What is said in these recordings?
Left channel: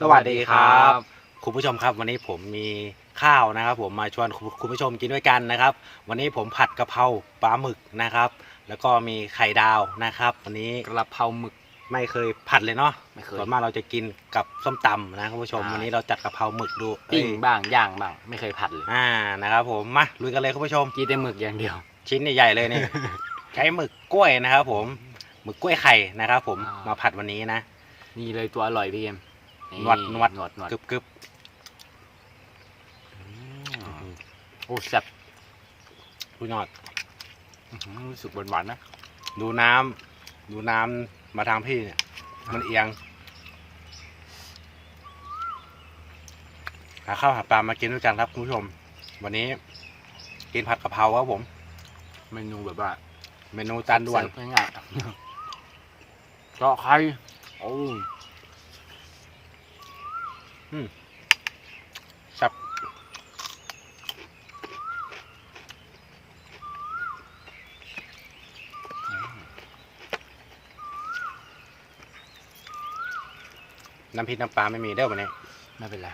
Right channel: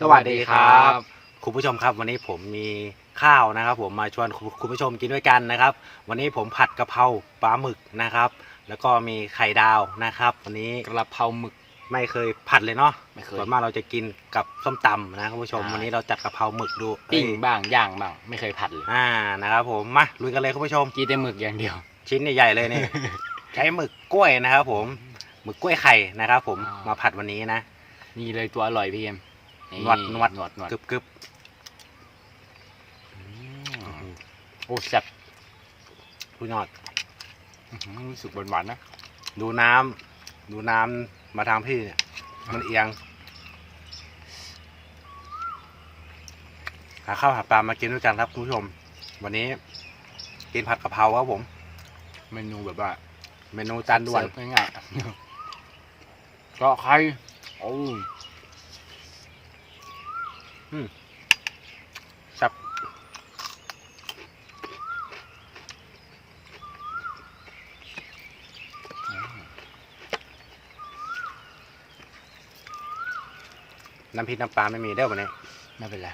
สวัสดีครับ คุณผู้ชมครับวันนี้ผมมีข้าวนะครับ ผมมาชวนคุณคุณผู้ชมกินด้วยกันนะครับ วันนี้ผมผัดกะเพราปลาหมึกนะครับ แล้วก็มีไข่ดาวนะครับ วันนี้กระเพราหมึกไม่เคยผัดเลยเนาะไม่เคย ส่วนมากเราจะกินกับส้มตำนะคุณผู้ชม ใช่ วันนี้เราจัดกะเพราหมึกดูปิ้งเอ้ยบ้างย่างบ้างไม่เคยผัดเลยอ่านะครับผมมาลุยกันเลยคุณผู้ชม กินแต่หมึกอย่างเดียว ชิ้นใหญ่ๆเลยนี่ ใช้หมึกกล้วยนะครับ ผมหมึกกล้วยไข่นะครับ ผมอ่าม มาผัดวันนี้นะ นี่เลยตัวอร่อยพี่เอ็มห นวดหนวดหนวดหนวดกรึบกรึบอืมโอ้แซ่บคุณยอดอื้อหือรู้สึกหวานๆนะ ดูน้ำดูน้ำมาทางพี่เนี่ย มันเอียง หาข้าวหาปลามากินด้วยกันครับคุณผู้ชม วันนี้กินผัดกะเพราครับผม เมนูแบบว่า เมนูจานด่วนเสิร์ฟง่ายๆก็ไข่โอ้ ครับน้ำพริกน้ำปลาไม่มีเด้อวันนี้ไม่เป็นไร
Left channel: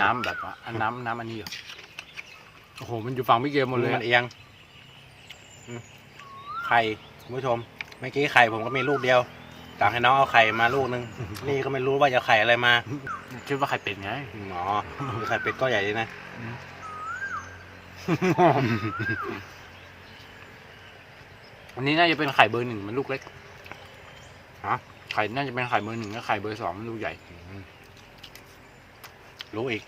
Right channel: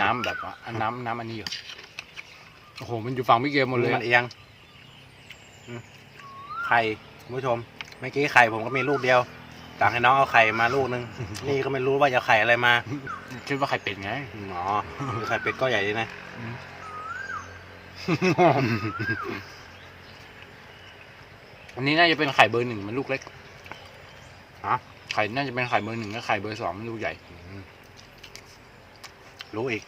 น้ำแบบว่าอันน้ำน้ำอันนี้อยู่โอ้โหมันอยู่ฝั่งพี่เกมหมดเลยมันเอียงอืมไข่คุณผู้ชมเมื่อกี้ไข่ผมก็มีลูกเดียว ต่างให้น้องเอาไข่มาลูกนึง นี่ก็ไม่รู้ว่าจะไข่อะไรมาคิดว่าไข่เป็ดไง อ๋อคือไข่เป็ดก็ใหญ่ดีนะ อันนี้น่าจะเป็นไข่เบอร์หนึ่งมันลูกเล็กฮะ ไข่น่าจะเป็นไข่เบอร์หนึ่งแล้วไข่เบอร์สองมันลูกใหญ่ รู้อีก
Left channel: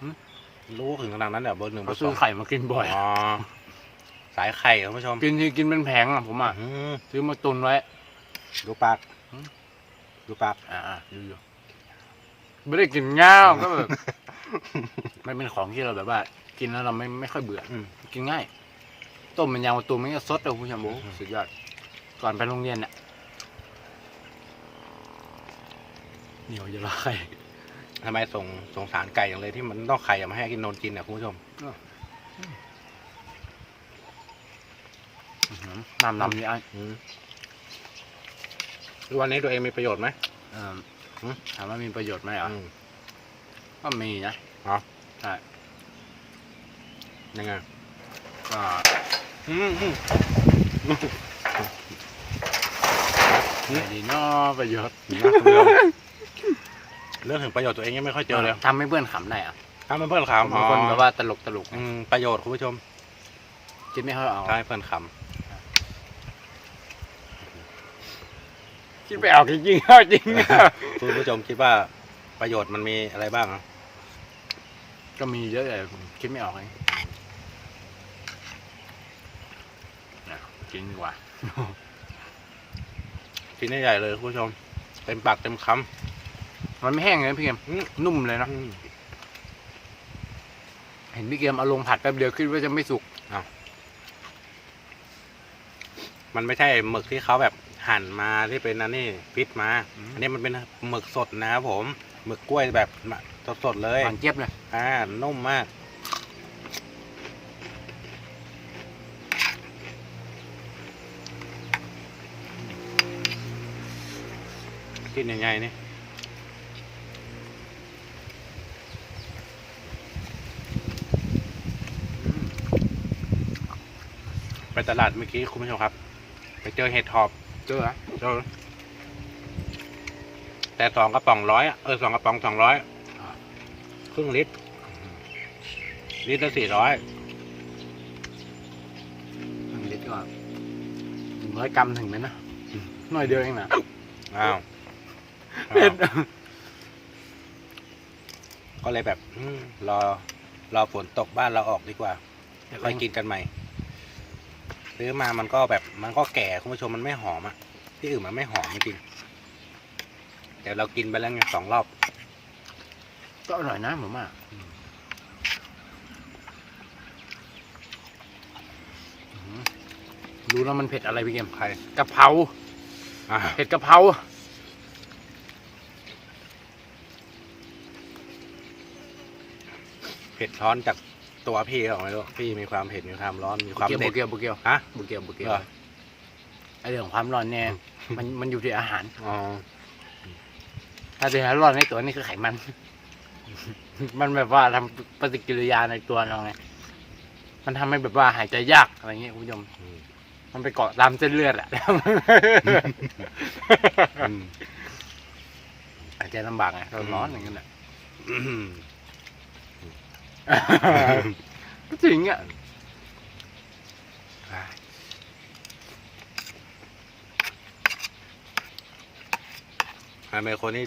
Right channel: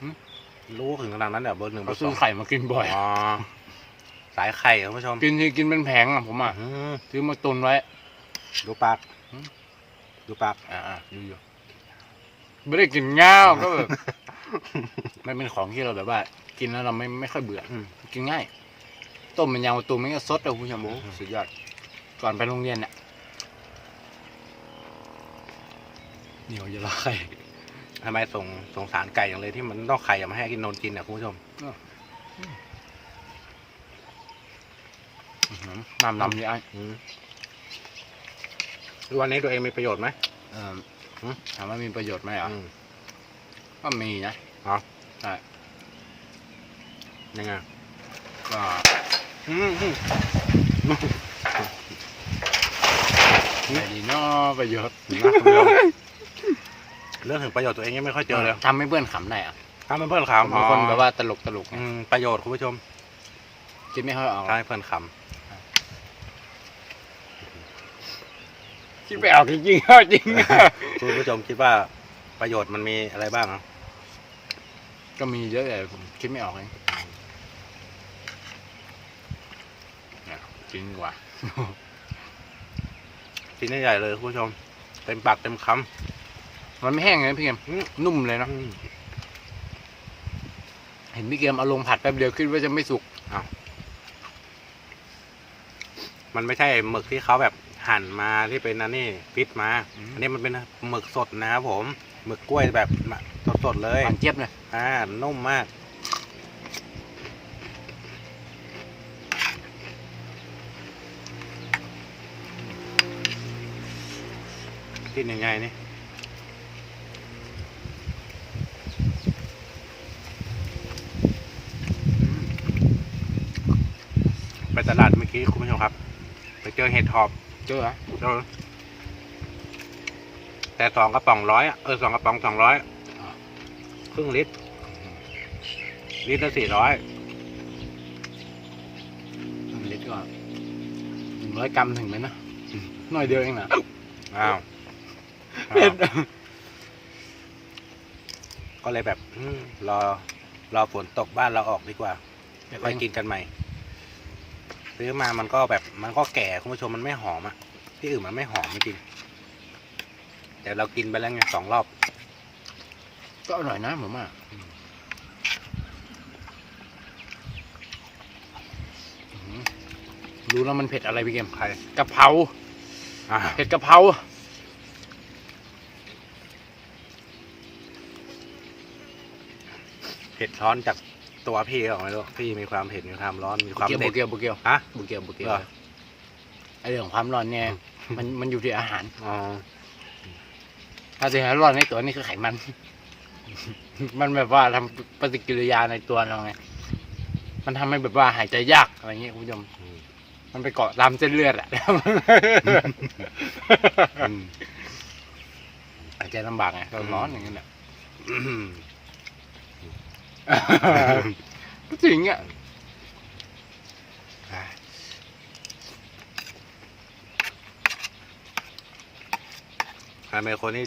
หึ รู้ถึงขนาดนั้นเดี๋ยวเบอร์หนึ่งเบก็อร์สซื้อองไข่มากินบ่อย อ๋อสายไข่คุณผู้ชมกินทีกินเป็นแผงอะผมอะ อืมซื้อมาตุนไว้ ดูปากหึดูปาก อ่าๆดูอยู่ ไม่ได้กินง่าวก็แบบมันเป็นของที่เราแบบว่า กินแล้วเราไม่ไม่ค่อยเบื่ออืม กินง่าย ต้มเป็นยางมะตูมมันก็สดเลยคุณผู้ชมโอ้อืมสุดยอด ก่อนไปโรงเรียนเนี่ยเหนียวจะละไข่ทำไมส่งสงสารไก่อย่างเลยที่มันต้องไข่อย่ามาให้กินนนกินเนี่ยคุณผู้ชมอื้อหือน้ำน้ำนี่ไอ้ อืม วันนี้ตัวเองมีประโยชน์ไหม เอ่อหึ ถามว่ามีประโยชน์ไหมอะอืม ก็มีนะอ๋อใช่ยังไงก็อืมอืมไม่ดีเนาะประโยชน์นะคุณผู้ชมเรื่องถึงประโยชน์ตัวเองยังไม่ค่อยเจอเลยทำให้เพื่อนขำได้อะทำเป็นเพื่อนผมขำเป็นคนแบบว่าตลกตลกอืมประโยชน์คุณผู้ชม จะไม่ค่อยเอาทำให้เพื่อนข คิดไปเอาจริงๆเอาจริงำคุณผู้ชมคิดว่าประโยชน์มันมีอะไรบ้างอะก็มีเยอะแต่ผมคิดไม่ออกเลยอะกินดีกว่าชิ้นใหญ่ๆเลยคุณผู้ชม เต็มปากเต็มคมันไม่แห้งเลยนะพี่เกมำอืมนุ่มเลยเนอะอืมเห็นพี่เกมเอาลงผัดแป๊บเดียวคิดว่าจะไม่สุกมันไม่ใช่หมึกที่เขาแบบ หั่นมาที่เป็นอันนี้ฟิตมาอันนี้มันเป็นหมึกสดนะครับผมหมึกกล้วยแบบสดๆเลยหวานเจี๊ยบเลยอ่านุ่มมากกินยังไงนี่ไปตลาดเมื่อกี้คุณผู้ชมครับ ไปเจอเห็ดหอบ เจอเหรอเจอแต่สองกระป๋องร้อยอะเออสองกระป๋องสองร้อยครึ่งลิตร ลิตรละสี่ร้อยหนึ่งลิตรก็หนึ่งร้อยกรัมถึงไหมนะหน่อยเดียวเองนะอ้าวเผ็ดก็เลยแบบอืมรอรอฝนตกบ้านเราออกดีกว่าค่อยกินกันใหม่ ซื้อมามันก็แบบมันก็แก่คุณผู้ชมมันไม่หอมอะที่อื่นมันไม่หอมจริงแต่เรากินไปแล้วไงสองรอบ ก็อร่อยนะผมอะรู้แล้วมันเผ็ดอะไรพี่เกมใครกะเพราอ่าเผ็ดกะเพราเผ็ดร้อนจาก ตัวพี่หรอไม่รู้พี่มีความเผ็ดมีความร้อนมีความเกียวเด็บุดเกียวบุเกียวฮะบุเกียวบุเกียวเหรอ ไอเรื่องความร้อนเนี่ยมันมันอยู่ที่อาหาร อ๋ออะดรีนาลีนในตัวนี่คือไขมัน มันแบบว่าทำปฏิกิริยาในตัวเราไง มันทำให้แบบว่าหายใจยากอะไรเงี้ยคุณผู้ชม อืมมันไปเกาะตามเส้นเลือดอะอืม หายใจลำบากไงเราร้อนอย่างนั้นแหละ อืม ก็จริงอะใครเป็นคนที่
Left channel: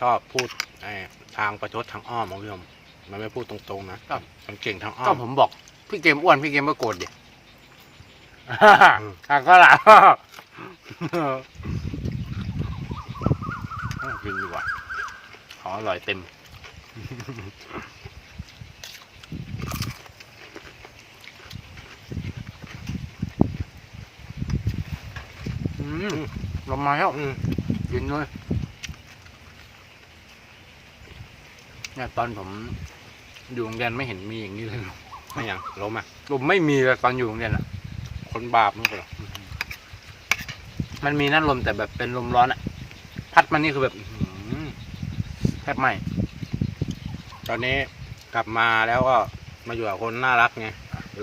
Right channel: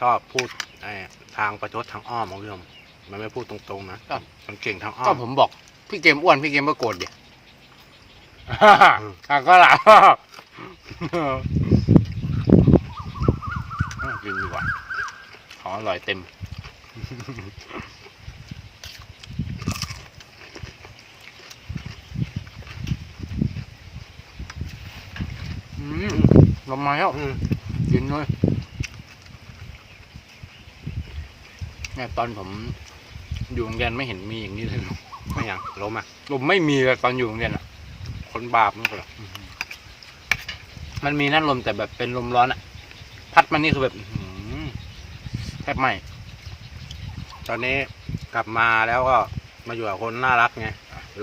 ชอบพูดไอ้ทางประชดทางอ้อมของพี่ผมมันไม่พูดตรงๆนะมันเก่งทางอ้อก็มผมบอก พี่เกมอ้วนพี่เกมก็โกรธดิอืมอะก็หล่ะอะกินดีกว่าของอร่อยเต็ม อืม ลงมาแล้วอืมกินเลยเนี่ยตอนผมอยู่โรงเรียนไม่เห็นมีอย่างนี้เลยไม่อย่างล้มอะ ลมไม่มีเลยตอนอยู่โรงเรียนอะ คนบาปนั่นก็เหรอมันมีนั่นลมแต่แบบเป็นลมร้อนอะ พัดมันนี่คือแบบอื้อหือแทบไหมตอนนี้กลับมาแล้วก็มาอยู่กับคนน่ารักไง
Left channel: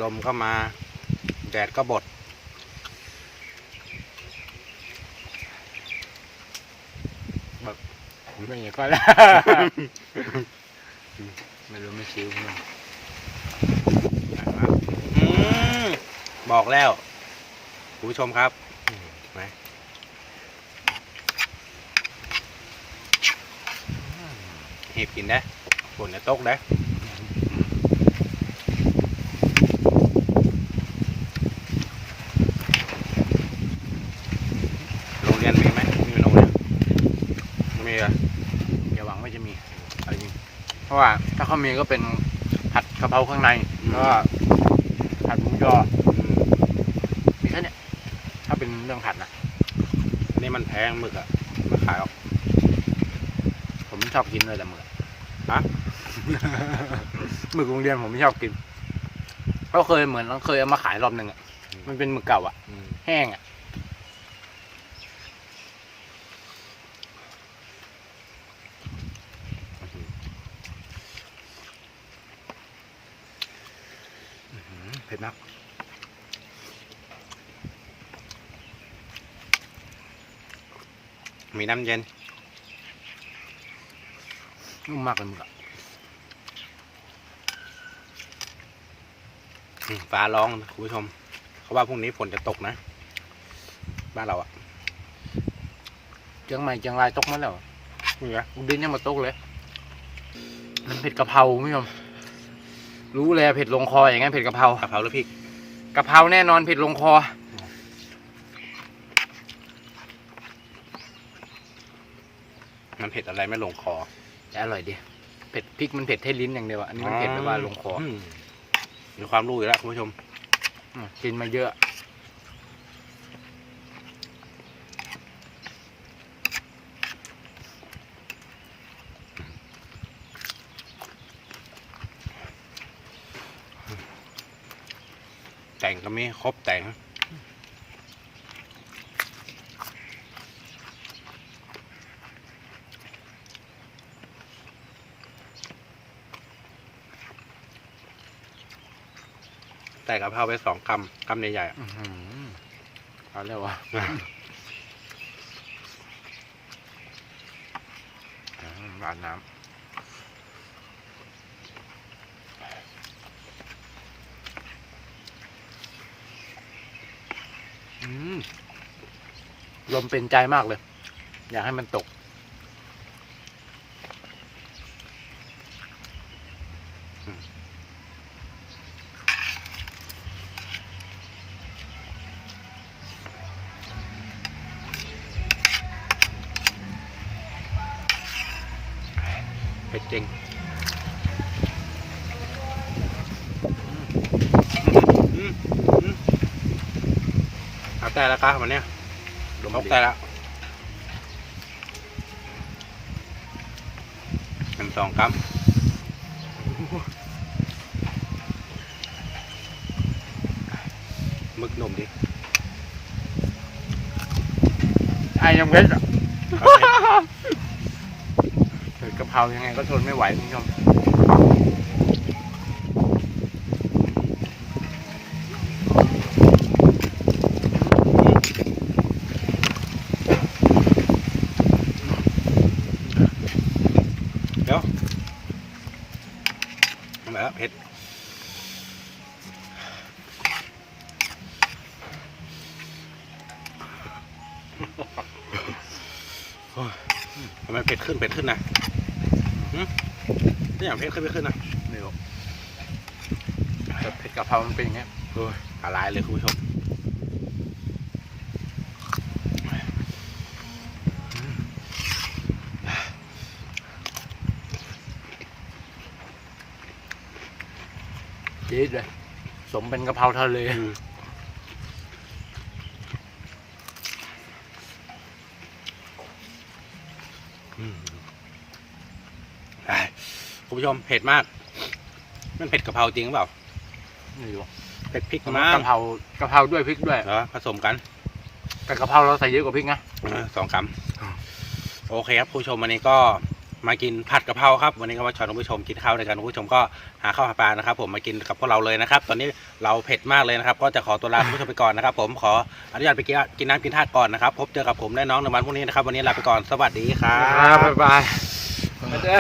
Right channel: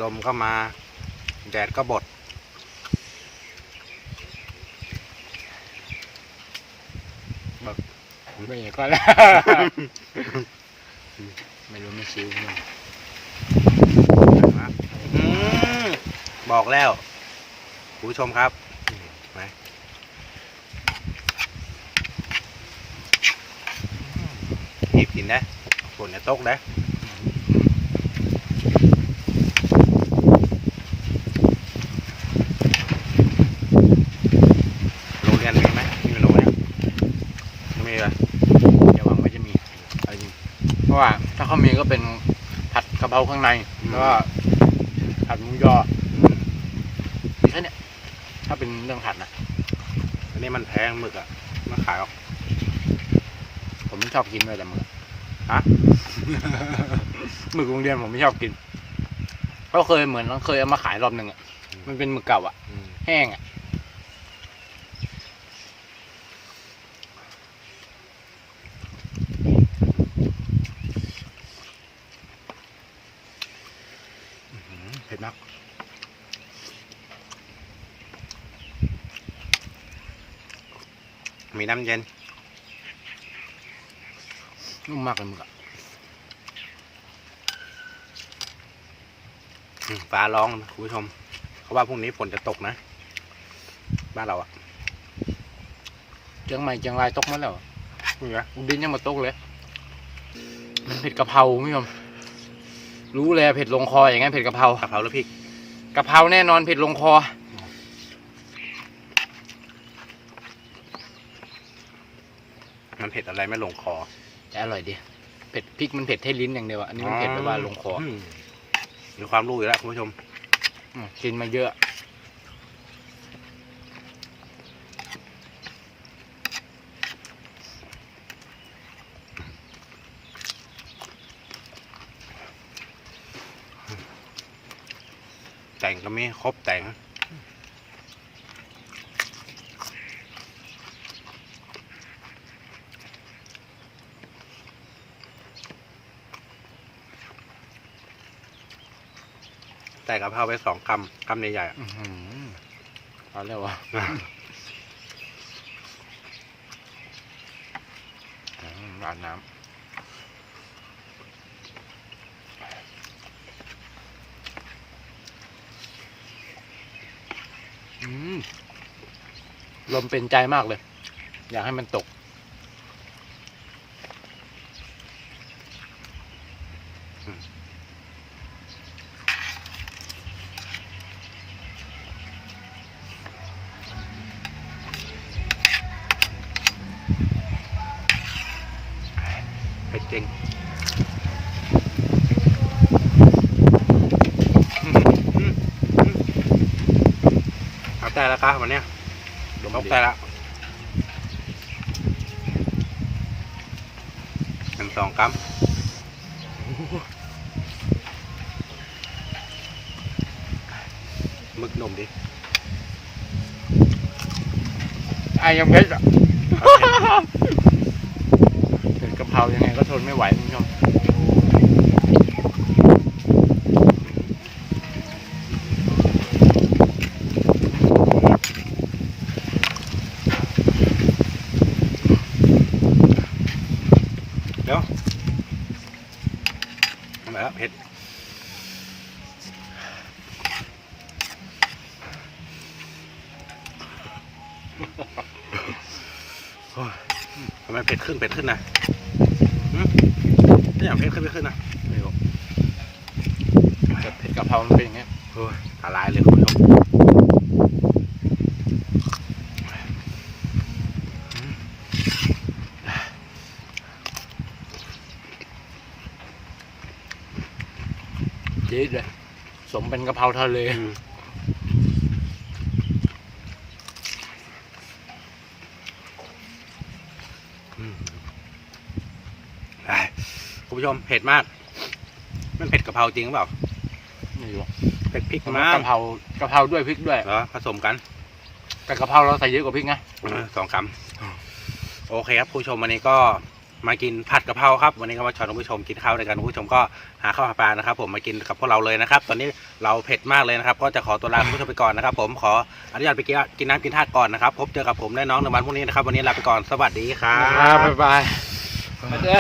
ลมก็มา แดดก็บด ไม่อย่างก็แล้วไม่รู้ไม่ซิวมันอืมบอกแล้วคุณผู้ชมครับไหมหยิบกินได้ฝนจะตกได้ โรงเรียนมีไหมมีโรงเรียนไม่มีเลย อย่าหวังว่าจะมีเอาจริงเพราะว่า ถ้า เขามีก็เป็นผัดกะเพราข้างในแล้วก็ผัดหมูยออืมมีแค่เนี้ยถ้าเป็นเรื่องผัดนะอันนี้มันแพงหมึกอะมันขายออก ผมไม่ชอบกินเลยแต่หมึกฮะ หมึกโรงเรียนผมไม่ชอบกินก็เคยเหมือนเคยเอามาขายรอบหนึ่งอะมันเป็นหมึกเก่าอะอืมแห้งอะ อื้อหือเผ็ดนักมีน้ำเย็นนุ่มมากเลยมึกอะฟ้าร้องนะคุณผู้ชม เขาว่าพรุ่งนี้ฝนจะตกนะ บ้านเราอะเจียงใหม่เจียงรายตกมาแล้วนี่ไงอุดินยังมาตกเลย มันเผ็ดกะเพราคุณผู้ชม รู้เลยเผ็ดลงคออย่างงั้นเผ็ดกะเพรากะเพราหรือพริกกะเพราแน่นอนเผ็ดลงคอ มันเผ็ดอะไรไม่ลงคอแต่อร่อยดีเผ็ดพริกมันเผ็ดแค่ลิ้นอย่างเดียวอะอันนี้มันเผ็ดแบบว่าลงคอมมีความรู้อยู่แล้วคุณผู้ชมมกินมาเยอะ ก็มีครบแต่งแต่กะเพราไปสองกำกำใหญ่ๆอะอื้อหือเอาแล้ววะอืมราดน้ำอืม ลมเป็นใจมากเลย อยากให้มันตกเผ็ดจริงเอาแต่แล้วครับวันเนี้ย ตกดีแต่ละหนึ่งสองกรัมหมึกหนุ่มดิไอ้ยังเพชรอะเอาเผ็ดเพรายังไงก็ทนไม่ไหวคุณผู้ชม เดี๋ยวทำไมครับเผ็ดโอ้ย ทำไมเผ็ดขึ้นเผ็ดขึ้นนะหึนี่อย่างเผ็ดขึ้นเผ็ดขึ้นนะไม่รู้แต่เผ็ดกะเพรามันเป็นอย่างเงี้ยโอ้ยละลายเลยคุณผู้ชมจี๊ดเลยสมเป็นกะเพราทะเล อืมอืมอะคุณ ผู้ชมเผ็ดมาก มันเผ็ดกะเพราจริงหรือเปล่าไม่รู้เผ็ดพริกกะมากเพรากะเพราด้วยพริกด้วยเหรอผสมกัน แต่กะเพราเราใส่เยอะกว่าพริกนะเออสองคำโอเคครับ ผู้ชมวันนี้ก็มากินผัดกะเพราครับ วันนี้ก็มาชวนคุณผู้ชมกินข้าวด้วยกันคุณผู้ชมก็หาข้าวหาปลานะครับ ผมมากินกับพวกเราเลยนะครับ ตอนนี้เราเผ็ดมากเลยนะครับ ก็จะขอตัวลาคุณผู้ชมไปก่อนนะครับ ผมขออนุญาตไปกินกินน้ำกินท่าก่อนนะครับ พบเจอกับผมและน้องในวันพรุ่งนี้นะครับ วันนี้ลาไปก่อนสวัสดีครัครับบบ๊ายบายมาเด้อ